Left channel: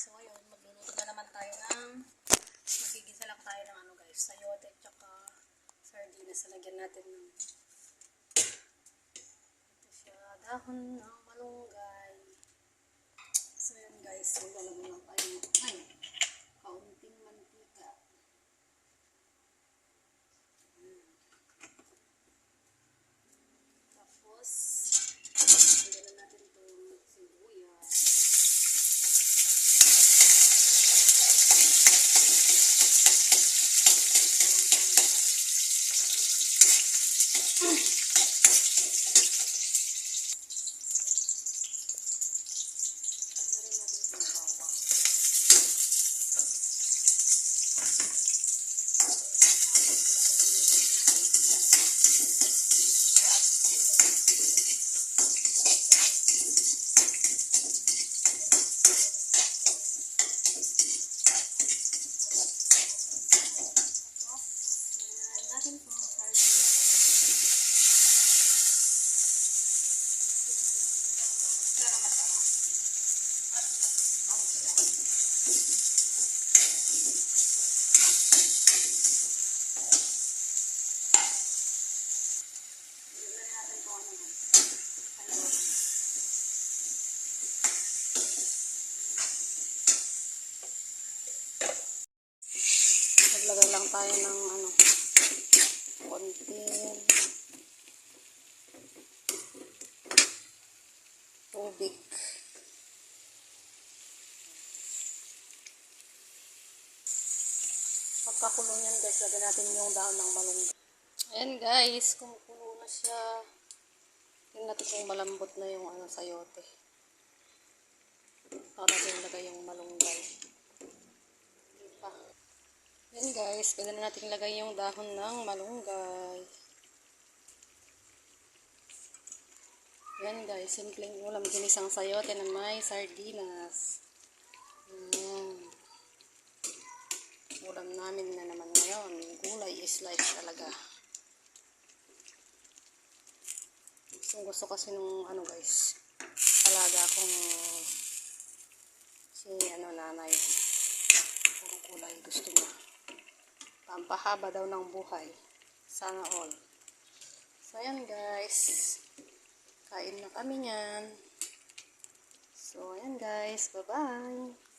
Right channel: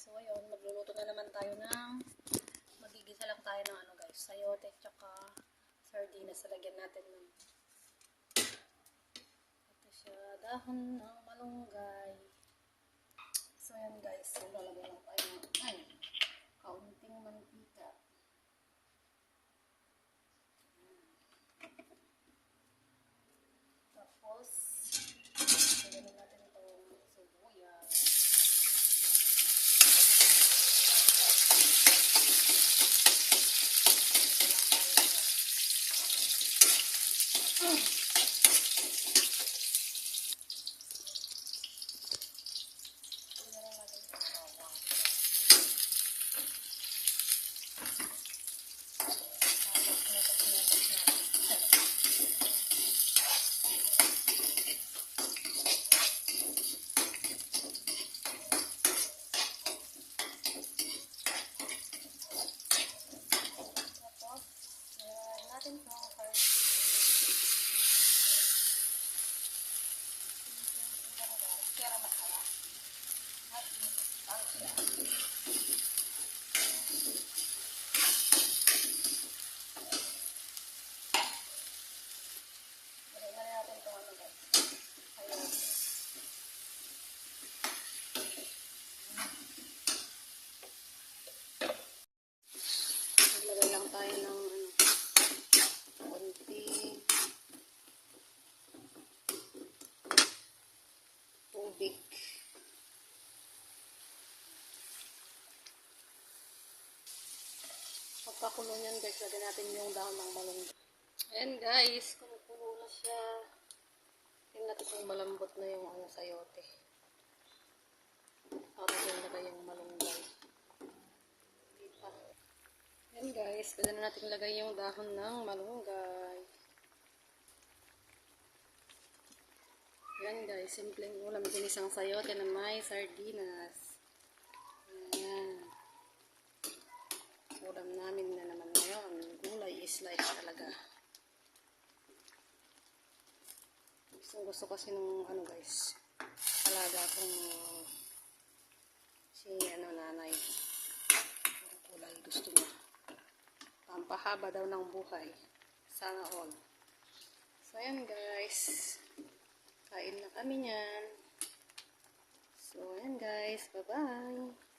So ayun, magluluto na naman tayo ng magigisa lang tayo ng ano guys, sayote tsaka sardinas. Lagyan natin ng ito siya, dahon ng malunggay. So ayun guys, lalagyan lang tayo ng kaunting mantika. Tapos lagyan natin itong sibuyas. Naglagay lang tayo ng konting tubig. Pagkakulo niyan guys, lagyan natin yung dahon ng malunggay. Ayan guys, kumukulo na siya. Tingnan natin kung malambot na yung sayote. Saka natin lagay yung malunggay. Hindi pa. Ayan guys, pwede na natin lagay yung dahon ng malunggay. Ayan guys, simpleng ulam, ginisang sayote na may sardinas. Ayan. Ulam namin na naman ngayon. Gulay is life talaga. Gusto kasi nung guys, alaga kong si nanay. Puro gulay gusto niya. Pampahaba daw ng buhay. Sana all. So ayan guys. Kain na kami niyan. So ayan guys. Bye bye.